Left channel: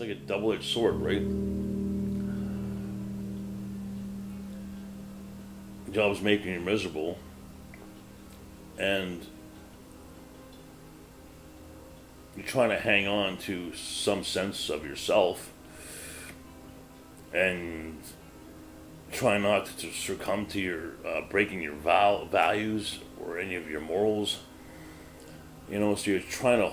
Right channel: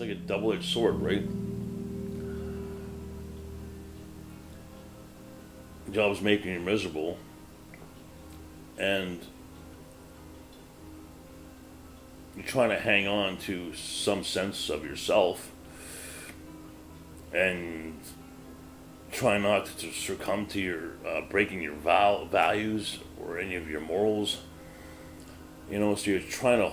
like a double-edged sword, right? Job's making you miserable, and you're trying to hang on to some sense of yourself, and try not to succumb to your breaking your values or any of your morals. So you're trying to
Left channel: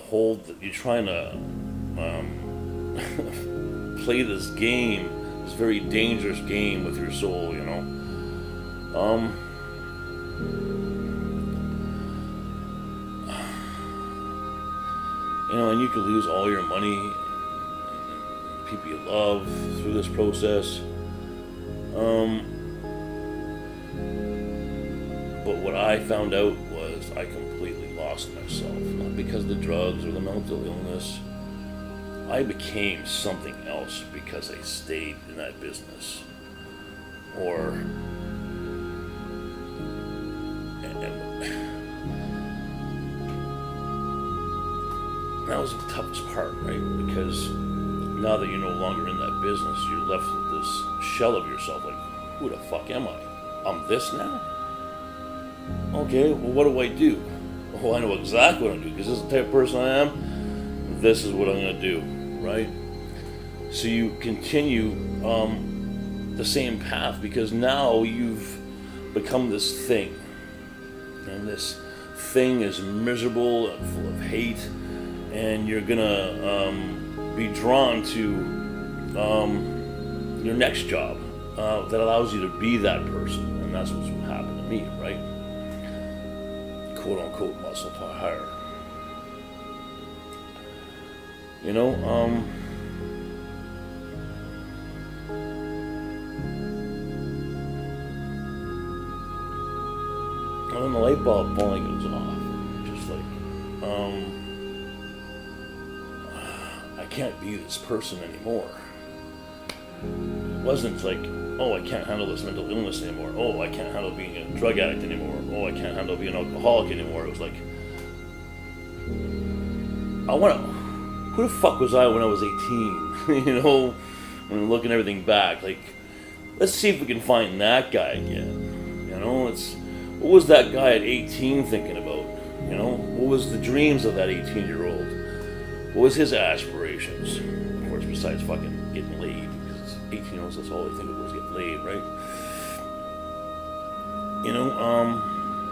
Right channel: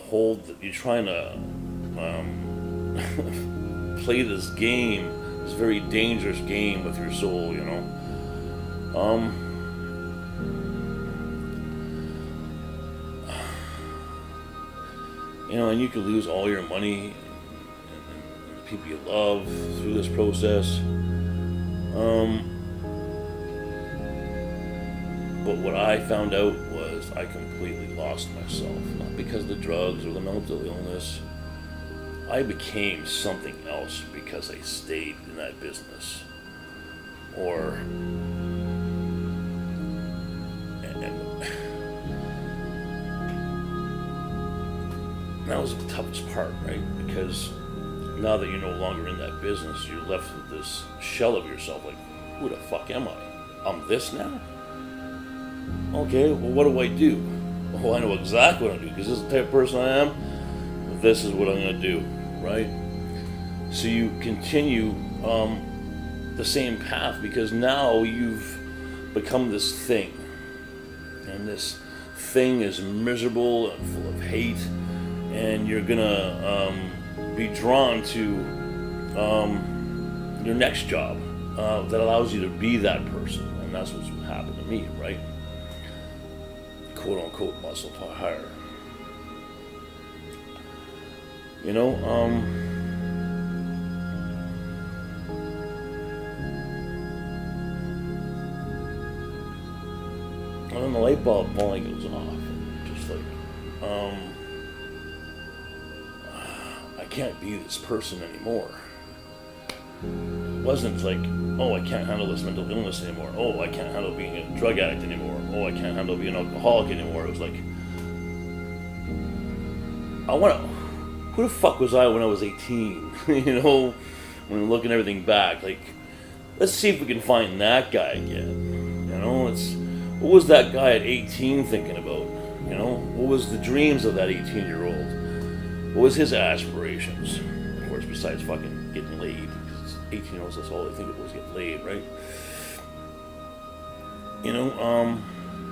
play this game, this very dangerous game with your soul. And you could lose all your money and the people you love through this process. But what I found out was I completely lost myself. Not because of the drugs or the mental illness. I became something else because I stayed in that business. And that was the toughest part, right? Because now that you're no longer in that business, you're left with this shell of yourself, like, who the fuck am I? I'm this now? Okay, well, what do I do? Oh, I know exactly what I'm doing, because this is the type of person I am. This is what I'm going to do, right? So you continue the same path, because now you've become this thing. And this thing is miserable and full of hate, and you're going to be drawn to your next job that allows you to be that person. And that's what's happened to me, right? Quote unquote muscle higher. And then the light bulb finally goes off, and just like, I can't be this person anymore. It wasn't like, oh, I can't handle this mental illness anymore. Oh, I can't handle being a drug addict anymore. Oh, I can't handle being an alcoholic anymore. It was like, who the fuck was I when I was 18? When looking everything back, like, let's see if we can find that guy again. What was that guy at 18 thinking about? What was the dreams of that 18-year-old? What was his aspirations? Of course, besides fucking getting laid, because 18-year-olds, that's all they think of was getting laid, right?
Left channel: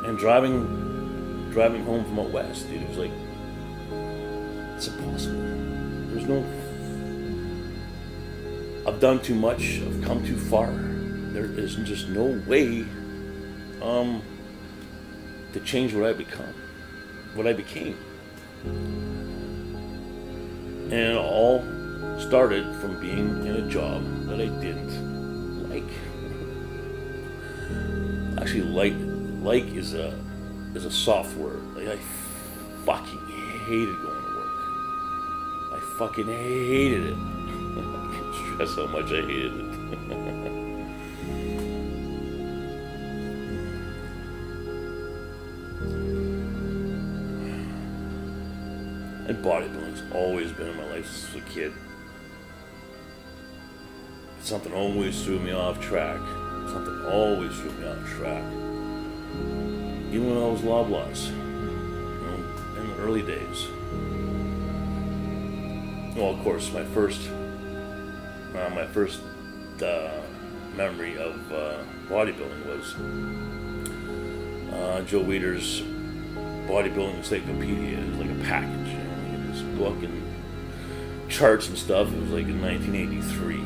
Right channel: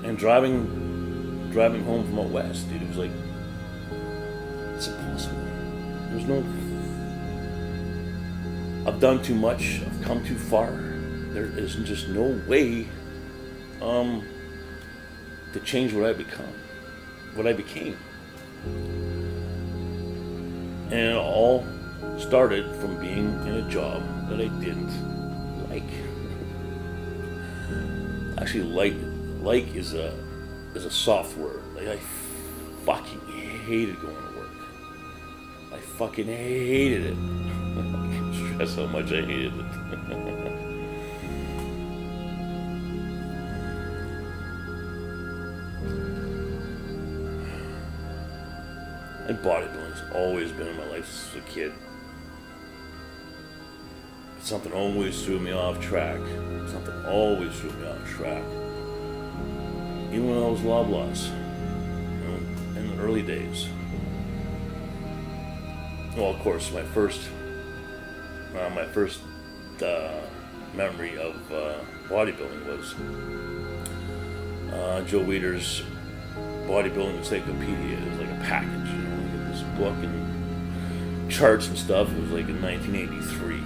And driving home from out west, dude, it was like, it's impossible. I've done too much, I've come too far. There is just no way to change what I became. And it all started from being in a job that I didn't like. Actually, like is a soft word. Like, I fucking hated going to work. I fucking hated it. I can't stress how much I hated it. And bodybuilding's always been in my life since a kid. Something always threw me off track. Even when I was loblaws, in the early days. Well, of course, my first memory of bodybuilding was Joe Weider's Bodybuilding Encyclopedia. It was like a package, you get this book and charts and stuff. It was like in 1983.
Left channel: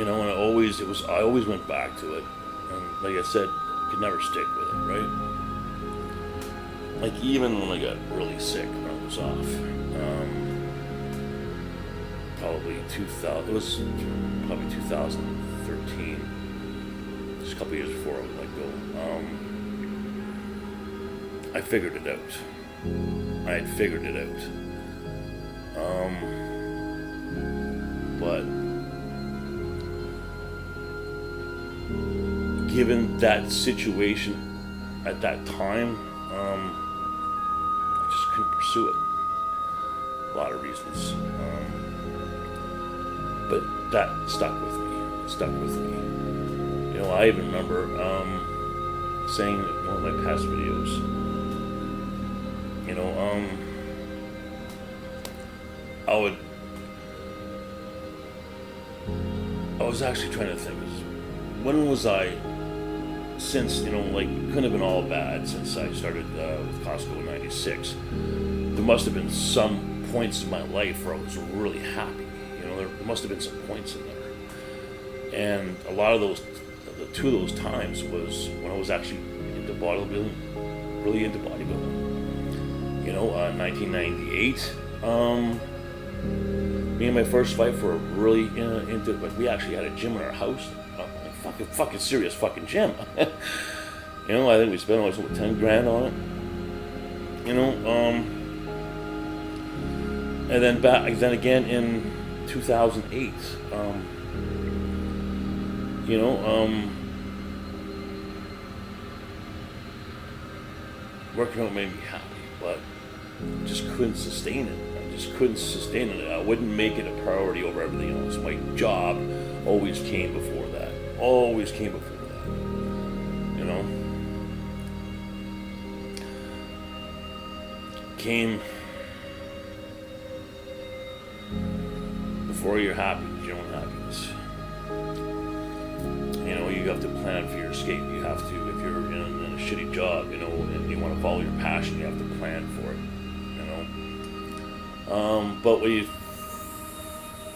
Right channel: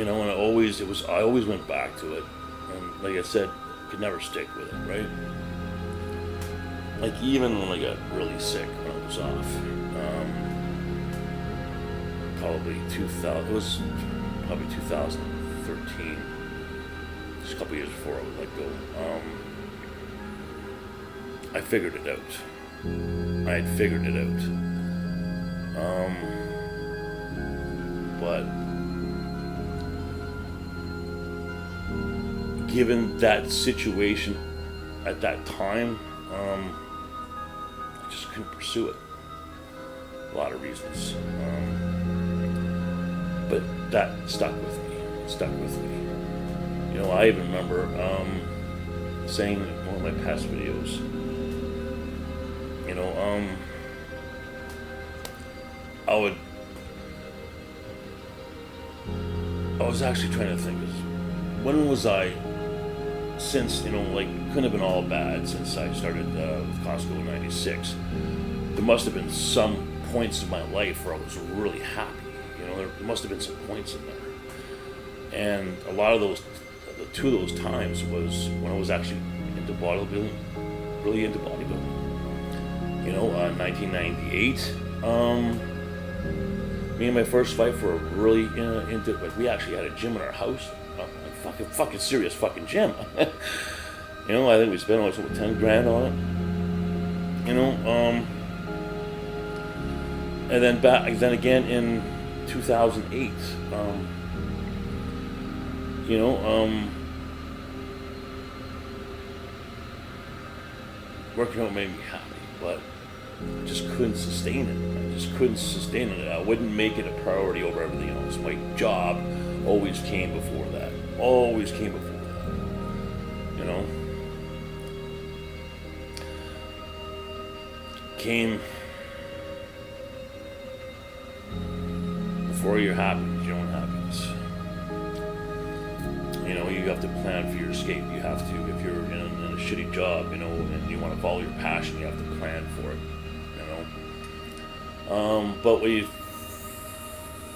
And I always went back to it, and like I said, could never stick with it, right? Like, even when I got really sick when I was off, probably 2013, just a couple years before I would let go. I figured it out. I had figured it out. But given that situation at that time, I just couldn't pursue it. lot of reasons. But that stuck with me. It stuck with me. You know, I even remember saying in one of my past videos, you know, I was actually trying to think, when was I, since, you know, like, it couldn't have been all bad since I started with Costco in 96. There must have been some points in my life where I was really happy. You know, there must have been some points in there. And a lot of those, the two of those times was when I was actually into bodybuilding, really into bodybuilding. You know, 1998, me and my first wife were really into it. Like, we actually had a gym in our house, like fucking serious fucking gym. You know, I think we spent almost over 10 grand on it. You know, and then then again in 2008, you know, working out made me happy, but just couldn't sustain it. I just couldn't sustain it. I wouldn't make it a priority over everything else. My job always came before that. Always came before that. You know? Came before your happiness, your own happiness. You know, you have to plan for your escape. You have to, if you're in a shitty job, you know, and you want to follow your passion, you have to plan for it, you know. But what you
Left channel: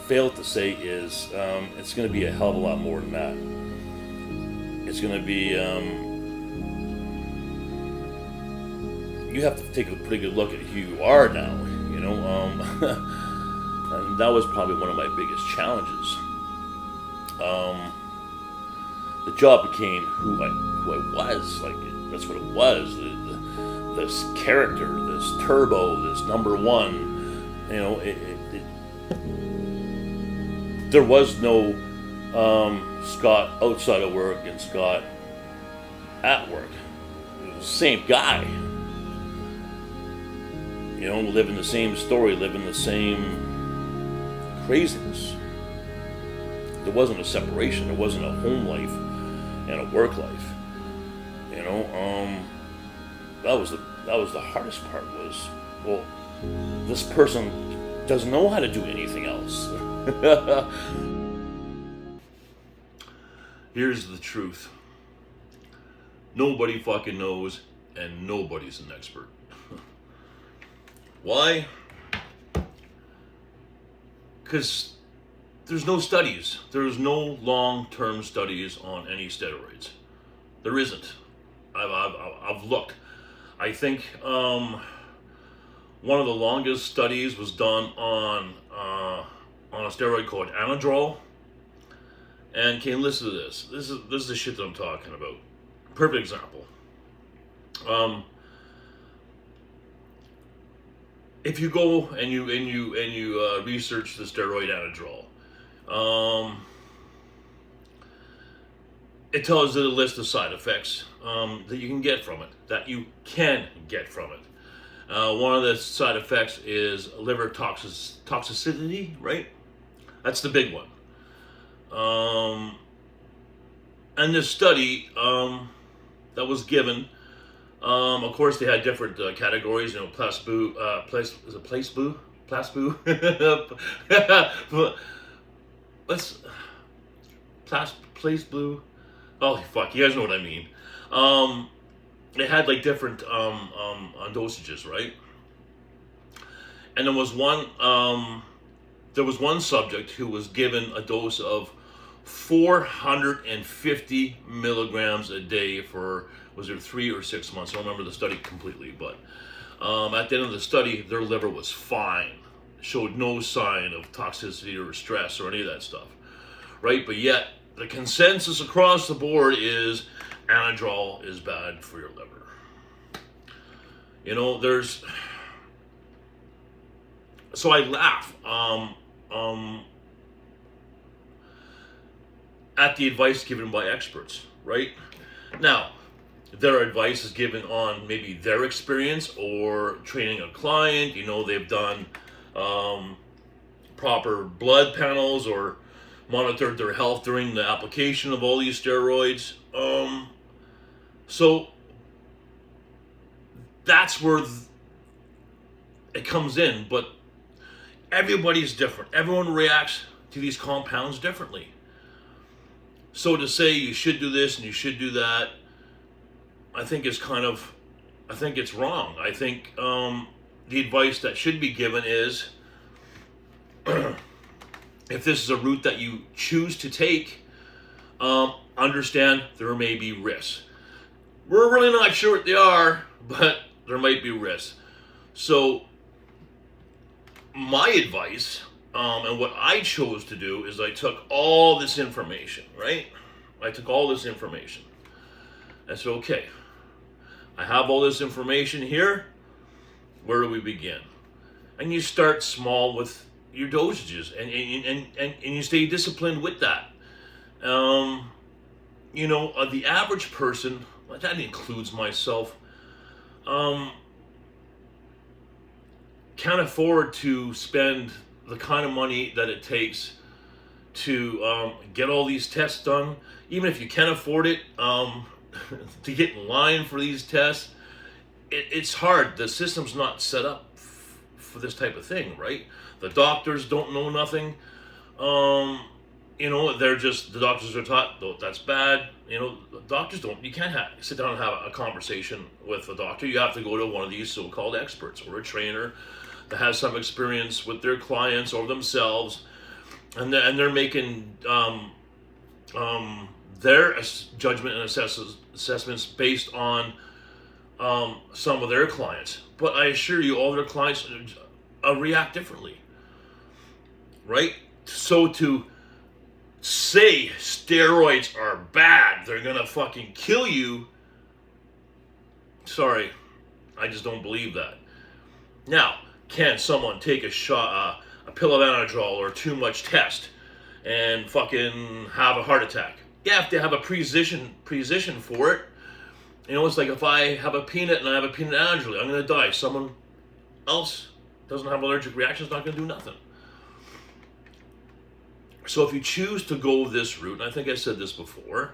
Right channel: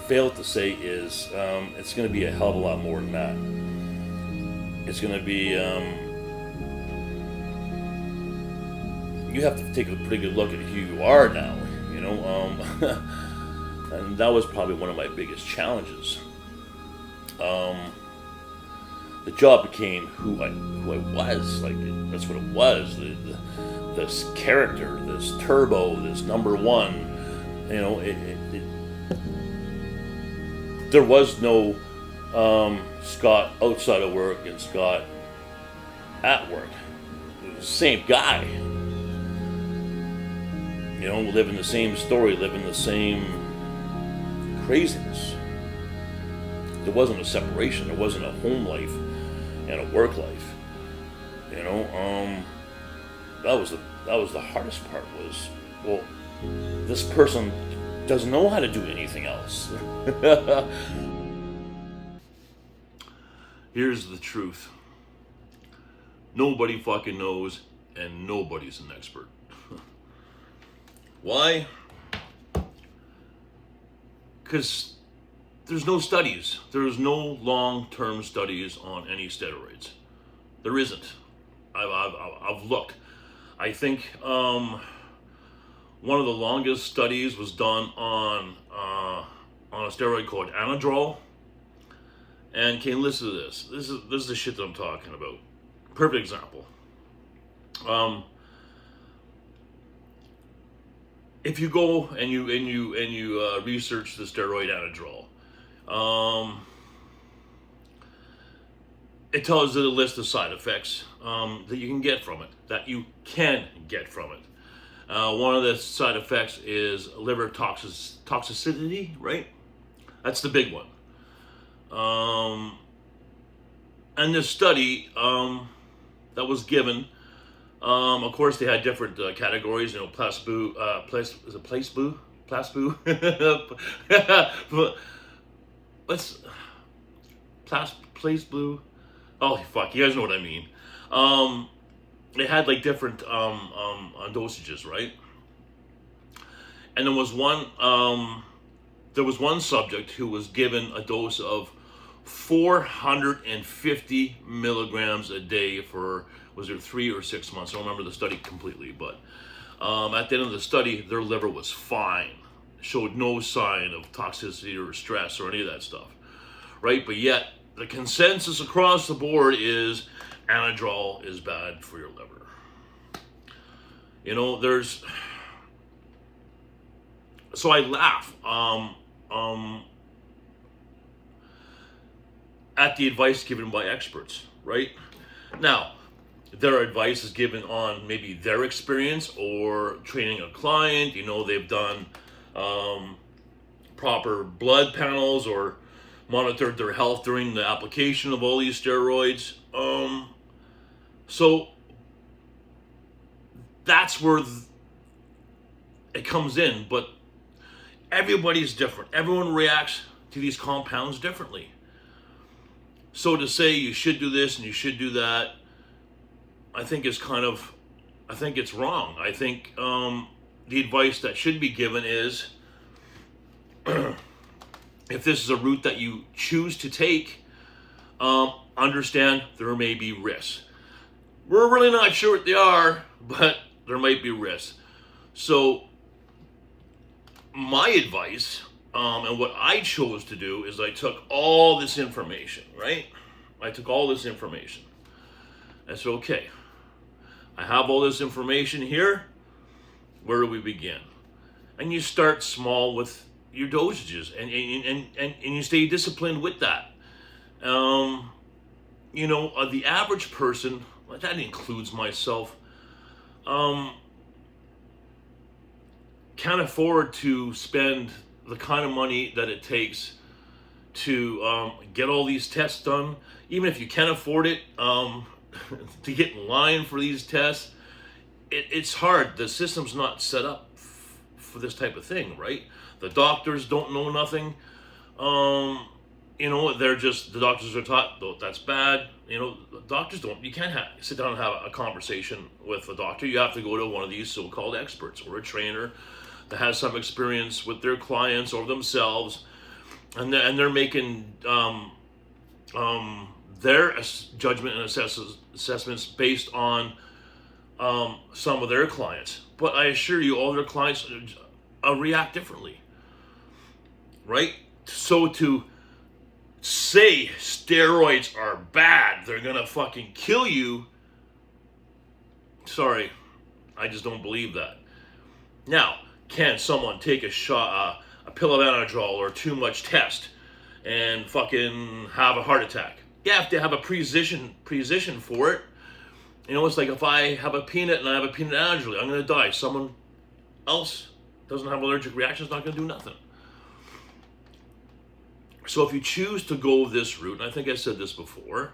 fail to say is it's going to be a hell of a lot more than that. It's going to be, you have to take a pretty good look at who you are now, you know. And that was probably one of my biggest challenges. The job became who I was. Like, that's what it was. This character, this turbo, this number one. You know, there was no Scott outside of work and Scott at work. It was the same guy. You know, living the same story, living the same craziness. There wasn't a separation. There wasn't a home life and a work life. You know, that was the hardest part. Was, well, this person doesn't know how to do anything else. Here's the truth. Nobody fucking knows, and nobody's an expert. Why? Because there's no studies. There's no long-term studies on any steroids. There isn't. I've looked. I think one of the longest studies was done on a steroid called Anadrol. And can you listen to this? This is the shit that I'm talking about. Perfect example. If you go and you research the steroid Anadrol, it tells you a list of side effects that you can get from it. One of the side effects is liver toxicity, right? That's the big one. And this study that was given, of course, they had different categories. You know, placebo. Oh fuck, you guys know what I mean. They had like different dosages, right? And there was one subject who was given a dose of 450 milligrams a day for, was it 3 or 6 months? I don't remember the study completely, but at the end of the study, their liver was fine, showed no sign of toxicity or stress or any of that stuff, right? But yet, the consensus across the board is Anadrol is bad for your liver. You know, so I laugh at the advice given by experts, right? Now, their advice is given on maybe their experience or training a client. You know, they've done proper blood panels or monitored their health during the application of all these steroids. So that's where it comes in, but everybody's different. Everyone reacts to these compounds differently. So to say you should do this and you should do that, I think it's wrong. I think the advice that should be given is, if this is a route that you choose to take, understand there may be risks. We're really not sure what they are, but there might be risks. So my advice, and what I chose to do, is I took all this information, right? I took all this information. I said, okay, I have all this information here. Where do we begin? And you start small with your dosages, and you stay disciplined with that. The average person, that includes myself, can't afford to spend the kind of money that it takes to get all these tests done. Even if you can afford it, to get in line for these tests, it's hard. The system's not set up for this type of thing, right? The doctors don't know nothing. They're just, the doctors are taught, oh, that's bad. Doctors don't, you can't sit down and have a conversation with a doctor. You have to go to one of these so-called experts or a trainer that has some experience with their clients or themselves, and they're making their judgment and assessments based on some of their clients. But I assure you, all their clients react differently, right? So to say steroids are bad, they're gonna fucking kill you, sorry, I just don't believe that. Now, can someone take a shot, a pill of Anadrol or too much test and fucking have a heart attack? Yeah, if they have a position for it. It's like if I have a peanut and I have a peanut allergy, I'm gonna die. Someone else doesn't have an allergic reaction, is not gonna do nothing. So if you choose to go this route, and I think I said this before,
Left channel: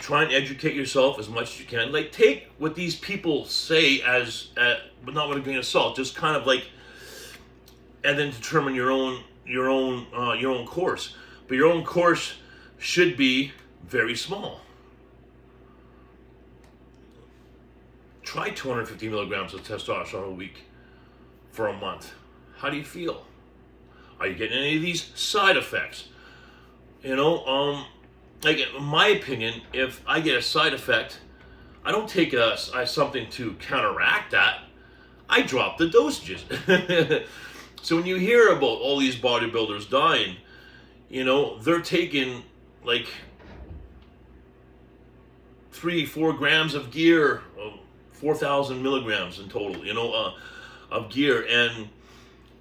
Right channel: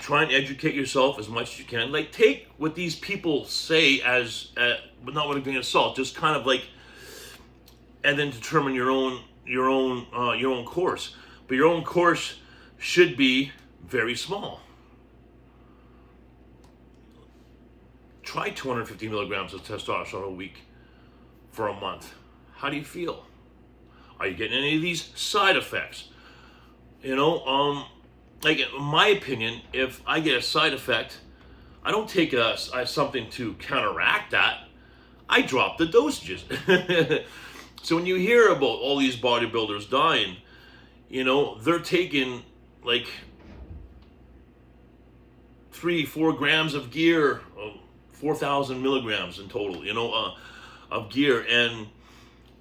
try and educate yourself as much as you can. Like, take what these people say but not with a grain of salt. Just kind of like, and then determine your own course. But your own course should be very small. Try 250 milligrams of testosterone a week for a month. How do you feel? Are you getting any of these side effects? Like, in my opinion, if I get a side effect, I don't take something to counteract that. I drop the dosages. So when you hear about all these bodybuilders dying, they're taking like 3-4 grams of gear, 4,000 milligrams in total, of gear, and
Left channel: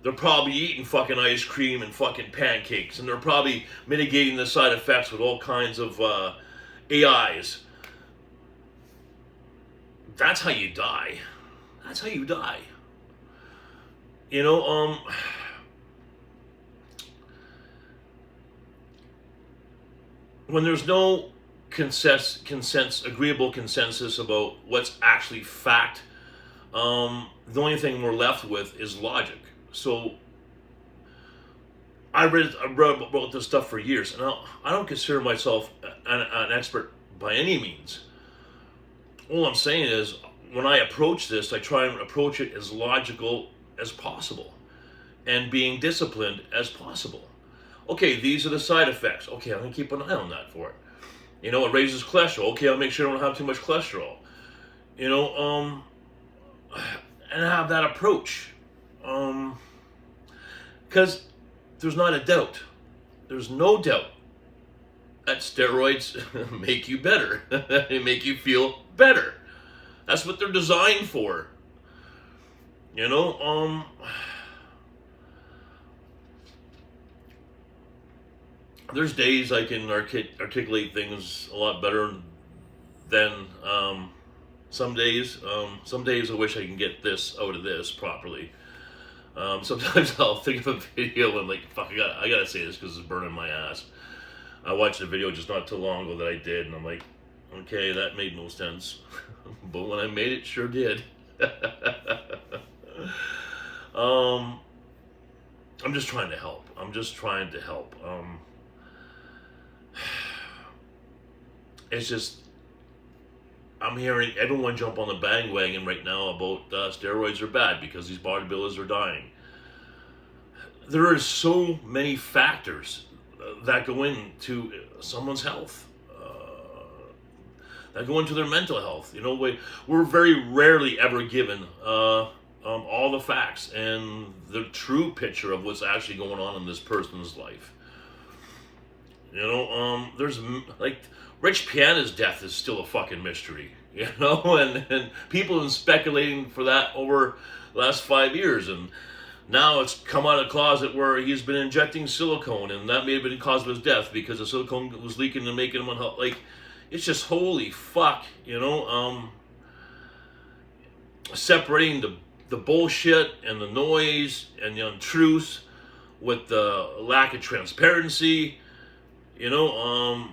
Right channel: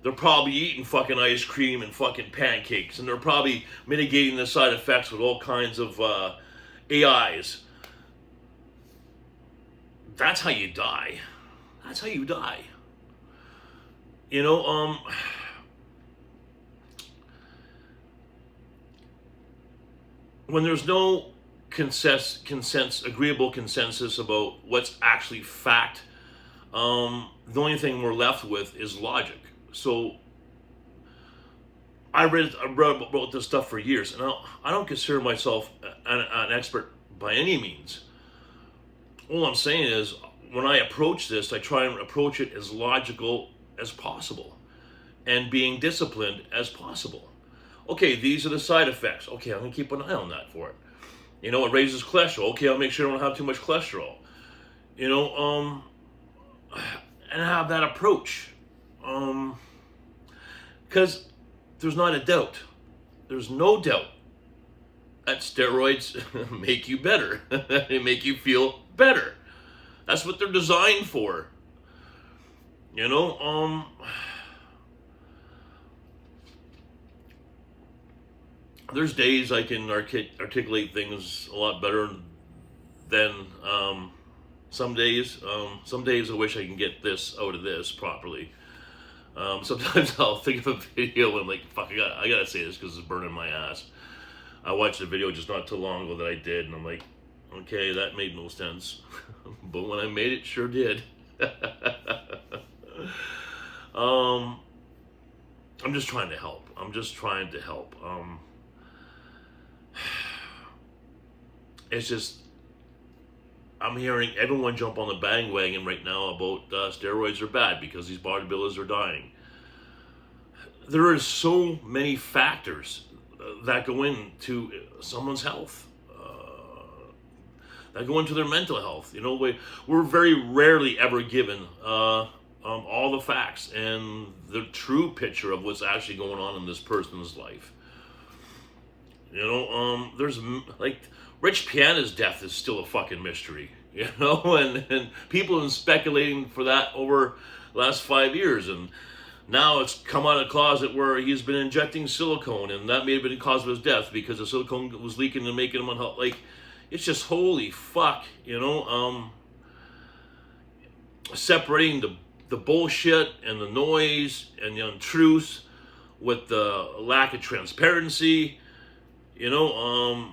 they're probably eating fucking ice cream and fucking pancakes, and they're probably mitigating the side effects with all kinds of AIs. That's how you die. That's how you die. When there's no agreeable consensus about what's actually fact, the only thing we're left with is logic. So I read about this stuff for years, and I don't consider myself an expert by any means. All I'm saying is, when I approach this, I try and approach it as logical as possible and being disciplined as possible. Okay, these are the side effects. Okay, I'm going to keep an eye on that for it. It raises cholesterol. Okay, I'll make sure I don't have too much cholesterol. And have that approach. Because there's not a doubt. There's no doubt that steroids make you better. They make you feel better. That's what they're designed for. There's days I can articulate things a lot better than some days. Some days I wish I can get this out of this properly. Sometimes I'll think of a video and I'm like, fuck, I gotta say this because it's burning my ass. I watched a video just not too long ago that I did, and I'm like, okay, that made no sense. But when I made it, sure did. I'm just trying to help. It's just, I'm hearing everyone jump on the bandwagon right now about steroids are bad because these bodybuilders are dying. There are so many factors that go into someone's health, that go into their mental health. You know, we're very rarely ever given all the facts and the true picture of what's actually going on in this person's life. You know, there's like Rich Piana's death is still a fucking mystery. You know, and people have been speculating for that over the last 5 years, and now it's come out of the closet where he's been injecting silicone, and that may have been the cause of his death because the silicone was leaking and making him unhealthy. Like, it's just holy fuck, you know. Separating the bullshit and the noise and the untruths with the lack of transparency, you know.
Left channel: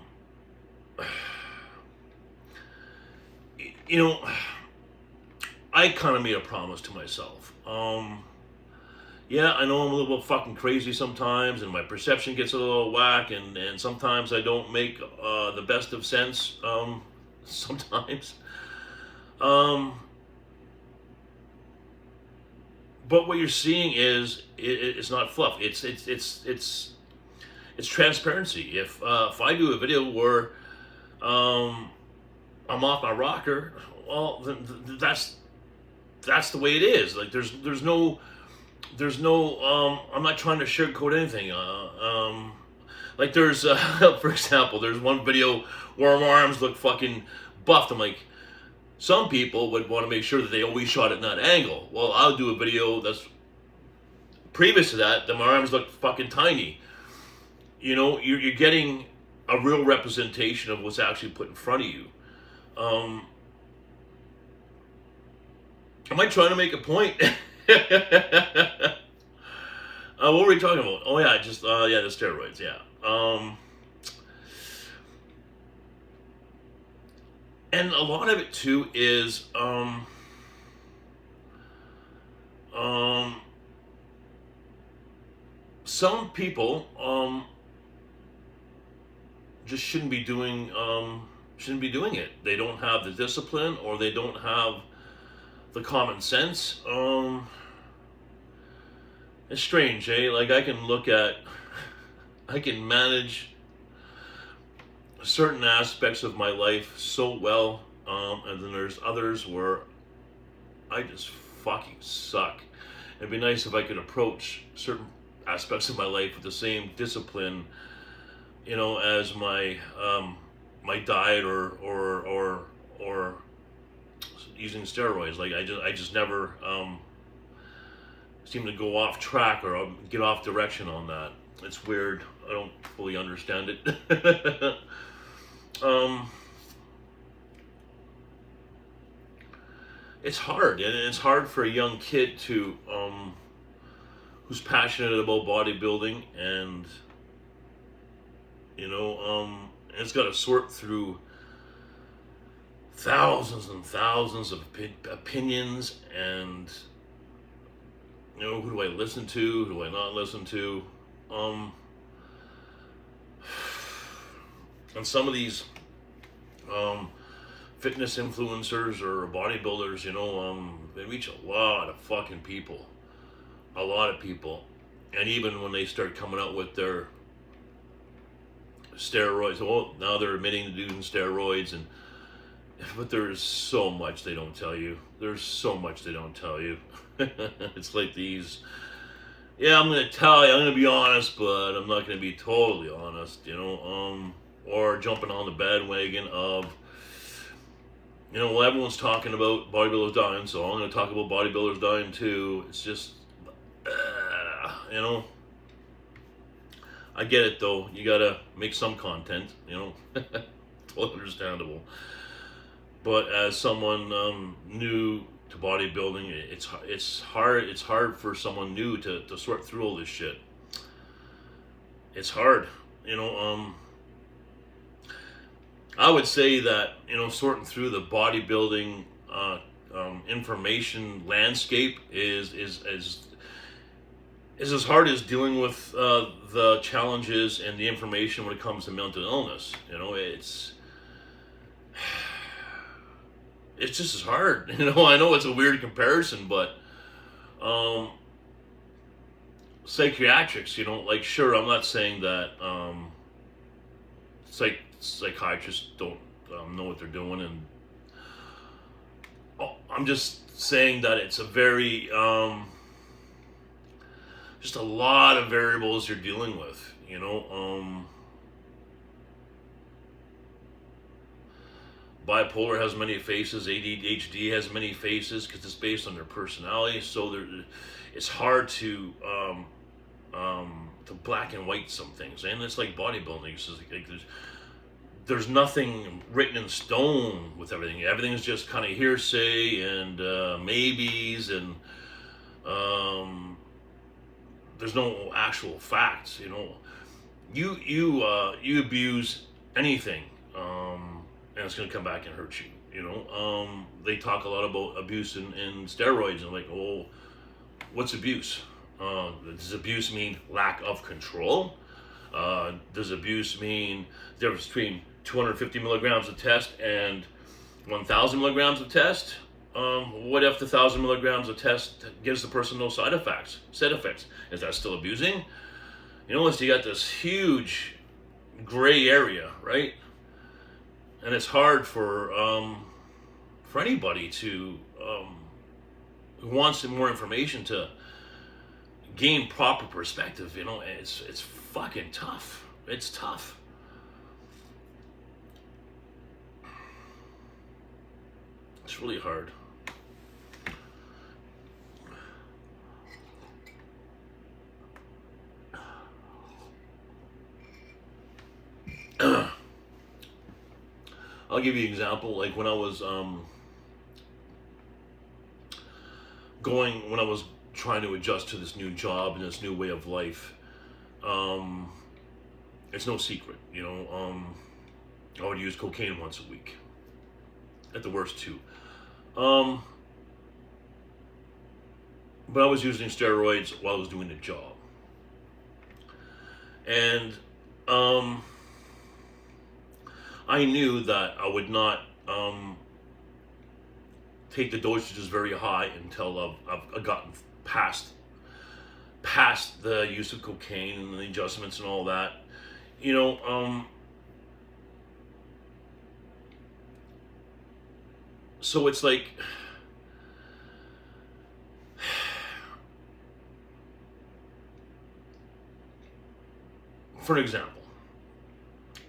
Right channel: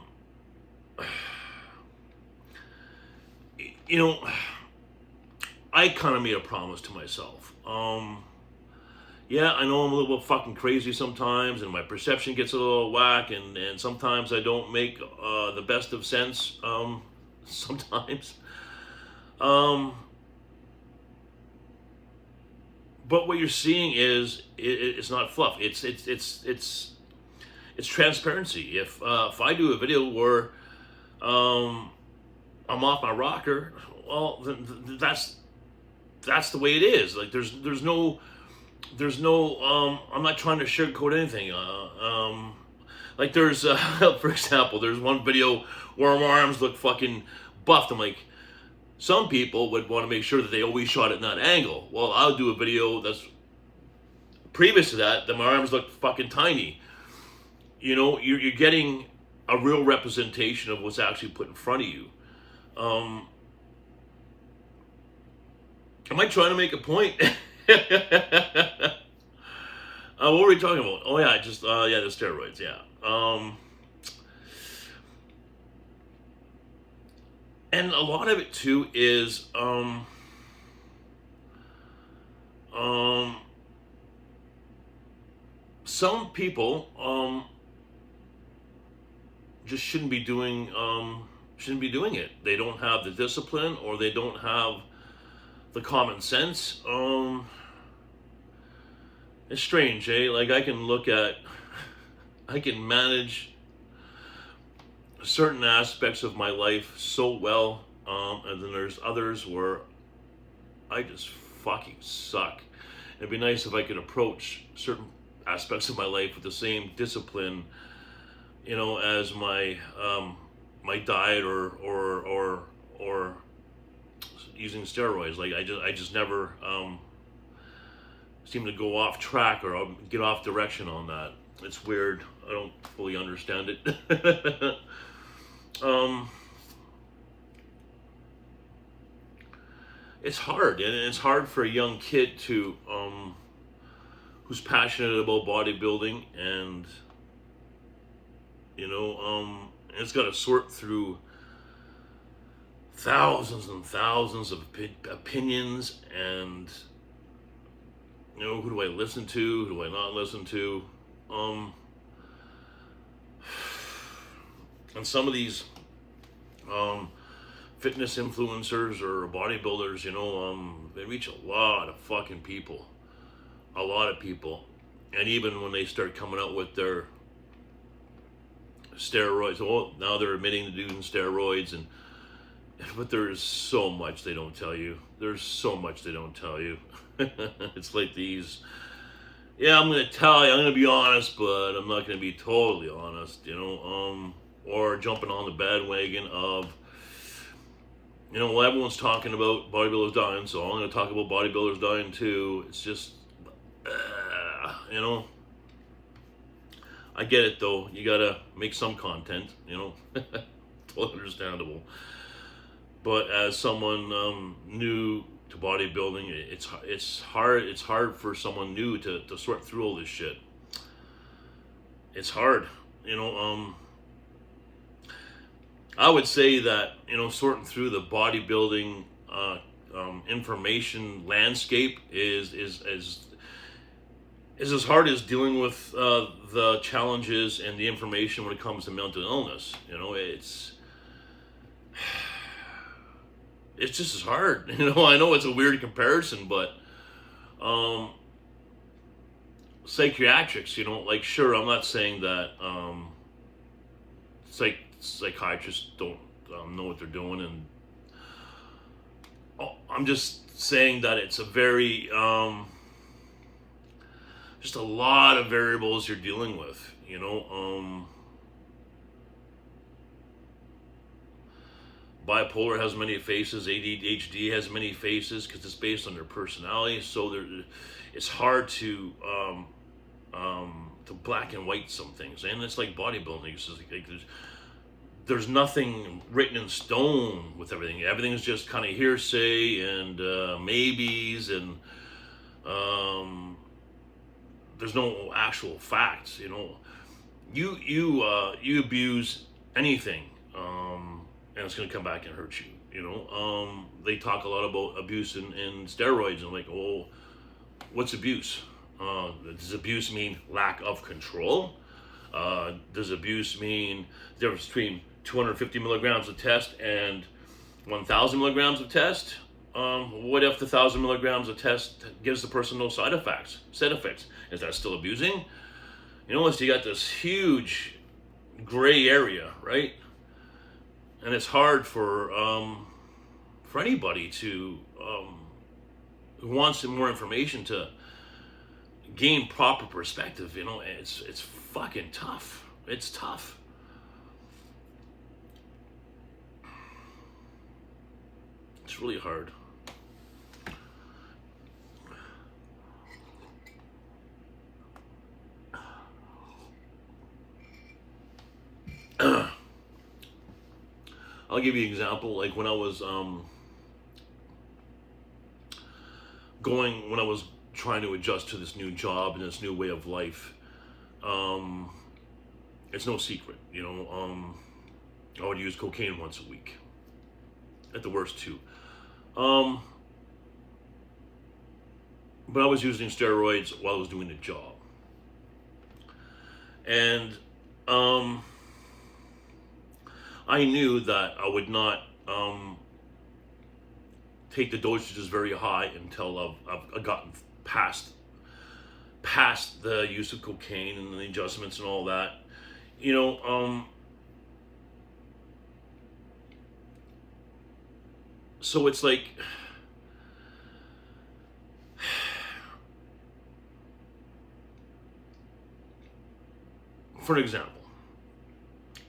You know, I kind of made a promise to myself. Yeah, I know I'm a little fucking crazy sometimes, and my perception gets a little whack, and sometimes I don't make the best of sense. Sometimes. But what you're seeing is it's not fluff. It's transparency. If I do a video where I'm off my rocker, well, that's the way it is. Like there's no I'm not trying to sugarcoat anything. Like there's for example, there's one video where my arms look fucking buffed. I'm like, some people would want to make sure that they always shot at that angle. Well, I'll do a video that's previous to that my arms look fucking tiny. You know, you're getting a real representation of what's actually put in front of you. Am I trying to make a point? What were we talking about? Oh yeah, just the steroids. Yeah. And a lot of it too is some people just shouldn't be doing it. They don't have the discipline, or they don't have the common sense. It's strange, eh? Like I can manage certain aspects of my life so well, and then there's others where I just fucking suck. It'd be nice if I could approach certain aspects of my life with the same discipline, you know, as my my diet or using steroids. Like I just never seem to go off track or get off direction on that. It's weird. I don't fully understand it. It's hard, and it's hard for a young kid to who's passionate about bodybuilding, and you know, it's got to sort through thousands and thousands of opinions, and you know, who do I listen to, who do I not listen to, and some of these fitness influencers or bodybuilders, you know, they reach a lot of fucking people, and even when they start coming out with their steroids, well, now they're admitting to doing steroids, but there's so much they don't tell you. It's like these, yeah, I'm gonna be honest, but I'm not gonna be totally honest, you know, or jumping on the bandwagon of, you know, well, everyone's talking about bodybuilders dying, so I'm gonna talk about bodybuilders dying too. It's just, you know, I get it though. You gotta make some content, you know, totally understandable. But as someone new to bodybuilding. It's hard. It's hard for someone new to sort through all this shit. It's hard, you know. I would say that, you know, sorting through the bodybuilding information landscape is as hard as dealing with the challenges and the information when it comes to mental illness. You know, it's just as hard. You know, I know it's a weird comparison, but psychiatrics, you know, like, sure, I'm not saying that psychiatrists don't know what they're doing, and I'm just saying that it's a very just a lot of variables you're dealing with, you know. Bipolar has many faces, ADHD has many faces because it's based on their personality, so it's hard to black and white some things. And it's like bodybuilding, it's just like there's nothing written in stone with everything. Everything's just kind of hearsay and maybes, and there's no actual facts. You know, you abuse anything, and it's gonna come back and hurt you. You know, they talk a lot about abuse in steroids, and like, oh, what's abuse? Does abuse mean lack of control? Does abuse mean the difference between 250 milligrams of test and 1,000 milligrams of test? What if the 1,000 milligrams of test gives the person no side effects? Is that still abusing? You know, so you got this huge gray area, right? And it's hard for anybody to who wants some more information to gain proper perspective. You know, it's fucking tough. It's tough. It's really hard. I'll give you an example. Like when I was when I was trying to adjust to this new job and this new way of life, it's no secret, you know, I would use cocaine once a week, at the worst two. But I was using steroids while I was doing the job. And I knew that I would not take the dosages very high until I've gotten past the use of cocaine and the adjustments and all that. You know, so it's like, for an example,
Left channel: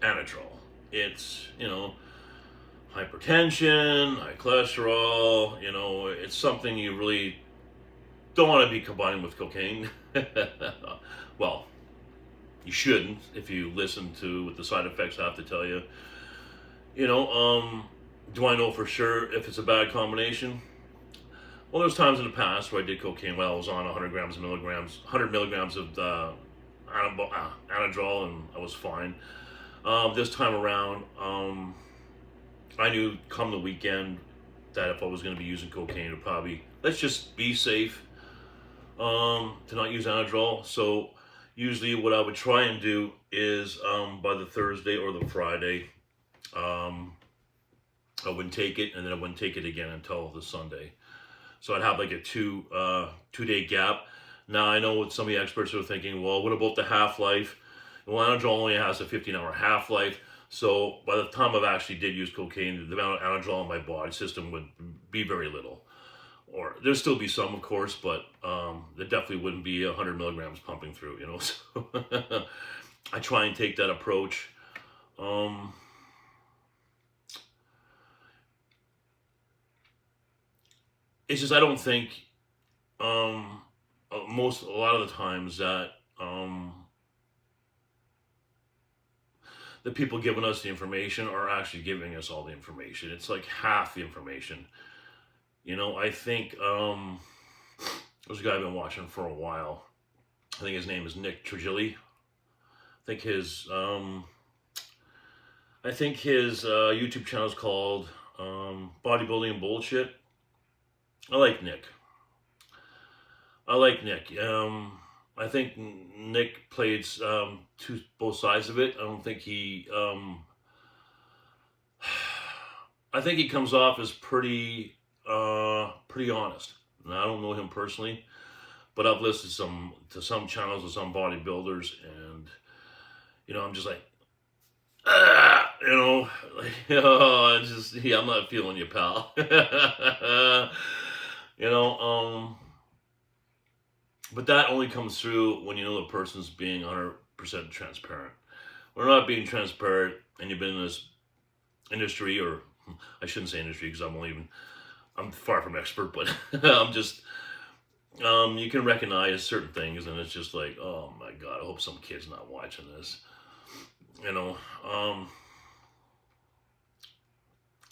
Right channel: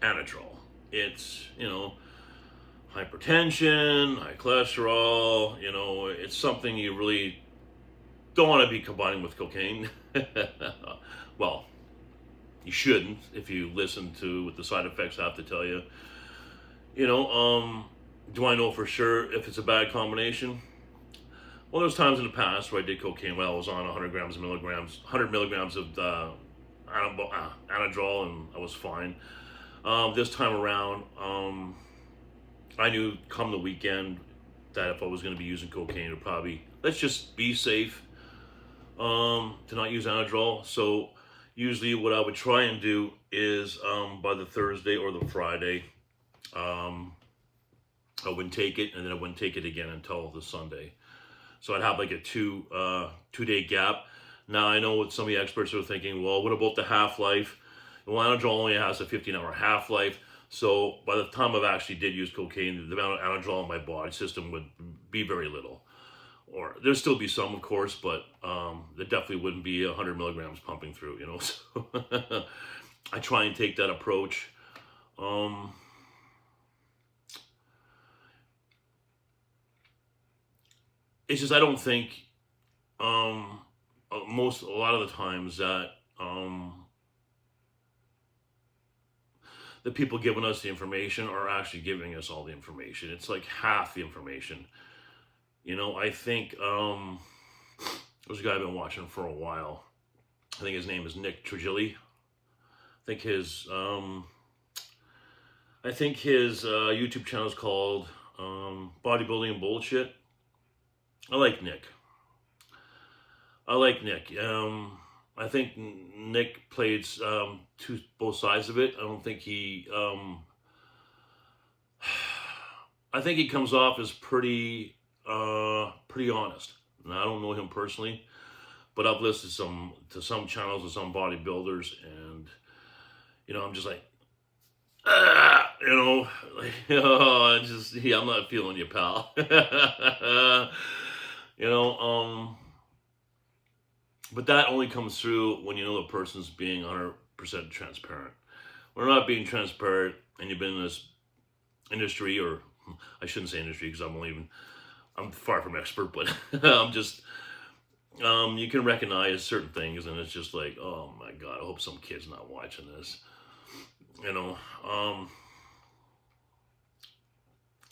Anadrol. It's, you know, hypertension, high cholesterol, you know, it's something you really don't want to be combining with cocaine. Well, you shouldn't if you listen to what the side effects have to tell you. You know, do I know for sure if it's a bad combination? Well, there's times in the past where I did cocaine while I was on 100 milligrams of Anadrol, and I was fine. This time around, I knew come the weekend that if I was going to be using cocaine, it would probably, let's just be safe, to not use Anadrol. So usually what I would try and do is by the Thursday or the Friday, I wouldn't take it, and then I wouldn't take it again until the Sunday. So I'd have like a two-day gap. Now I know what some of the experts are thinking, well, what about the half-life? Well, Anadrol only has a 15-hour half-life. So by the time I actually did use cocaine, the amount of Anadrol in my body system would be very little. Or there'd still be some, of course, but there definitely wouldn't be 100 milligrams pumping through, you know. So I try and take that approach. It's just I don't think a lot of the times that the people giving us the information are actually giving us all the information. It's like half the information. You know, I think there's a guy I've been watching for a while. I think his name is Nick Trigili. I think his YouTube channel is called Bodybuilding and Bullshit. I like Nick. I think Nick plays both sides of it. I don't think he. I think he comes off as pretty honest. And I don't know him personally, but I've listened to some channels of some bodybuilders, and you know, I'm just like, you know, I'm not feeling you, pal. You know, but that only comes through when you know the person's being 100% transparent. We're not being transparent, and you've been in this industry, or I shouldn't say industry because I'm far from expert, but I'm just, you can recognize certain things, and it's just like, oh my God, I hope some kid's not watching this, you know.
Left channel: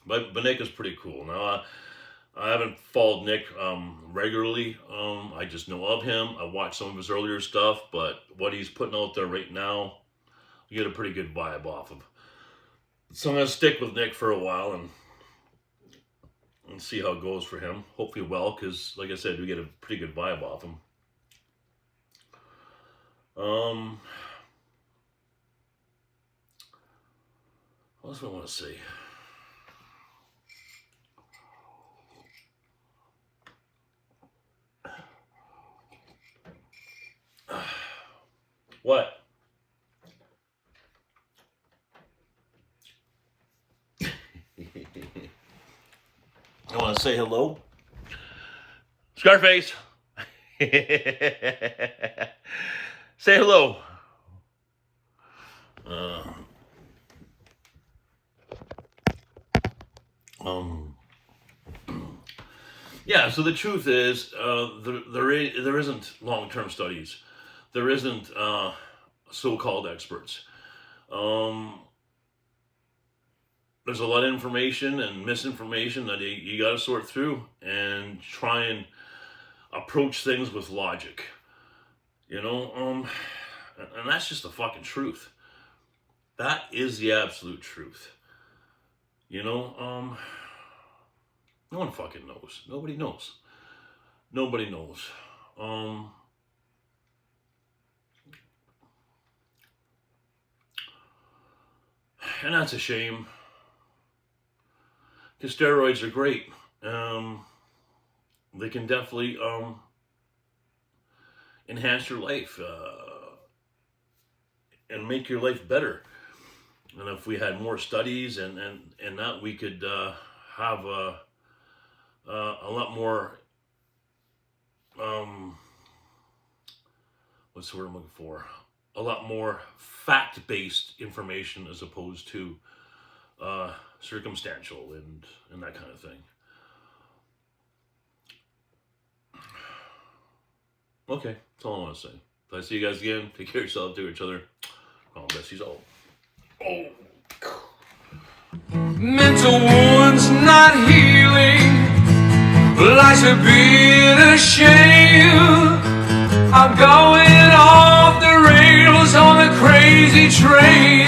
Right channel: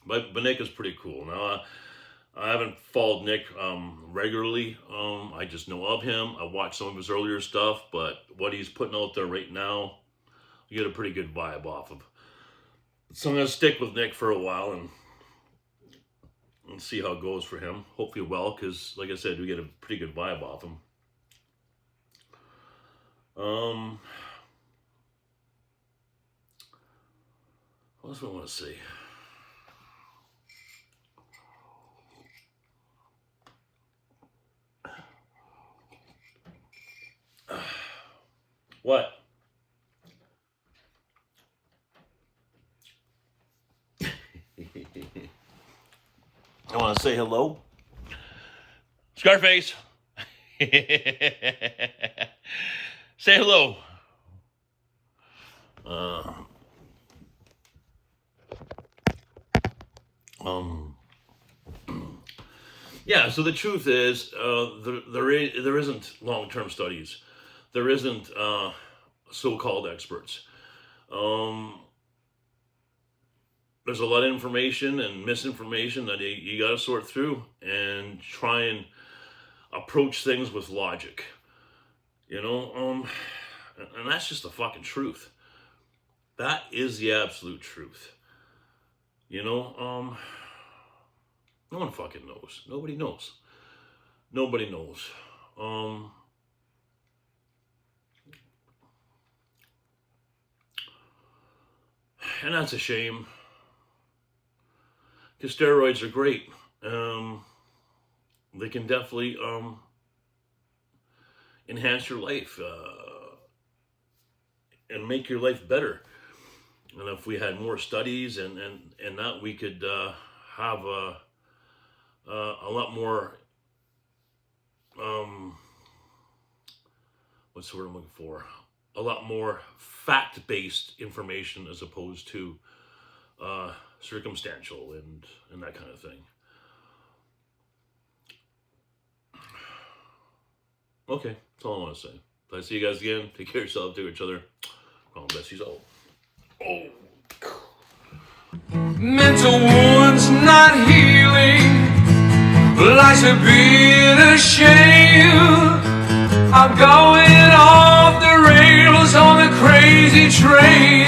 But Nick is pretty cool. Now, I haven't followed Nick regularly. I just know of him. I watched some of his earlier stuff, but what he's putting out there right now, you get a pretty good vibe off of. So I'm going to stick with Nick for a while and see how it goes for him. Hopefully well, because like I said, we get a pretty good vibe off him. What else do I want to say? What? I want to say hello. Scarface. Say hello. Yeah, so the truth is, there isn't long-term studies. There isn't so-called experts. There's a lot of information and misinformation that you got to sort through and try and approach things with logic. You know, and that's just the fucking truth. That is the absolute truth. You know, no one fucking knows. Nobody knows. Nobody knows. And that's a shame. Because steroids are great. They can definitely enhance your life and make your life better. And if we had more studies and that, we could have a lot more, what's the word I'm looking for? A lot more fact-based information as opposed to circumstantial and that kind of thing. Okay, that's all I want to say. If I see you guys again, take care of yourself, take care of each other. God bless you all. Oh. Mental wounds not healing, life's a bit of shame. I'm going off the rails on a crazy train.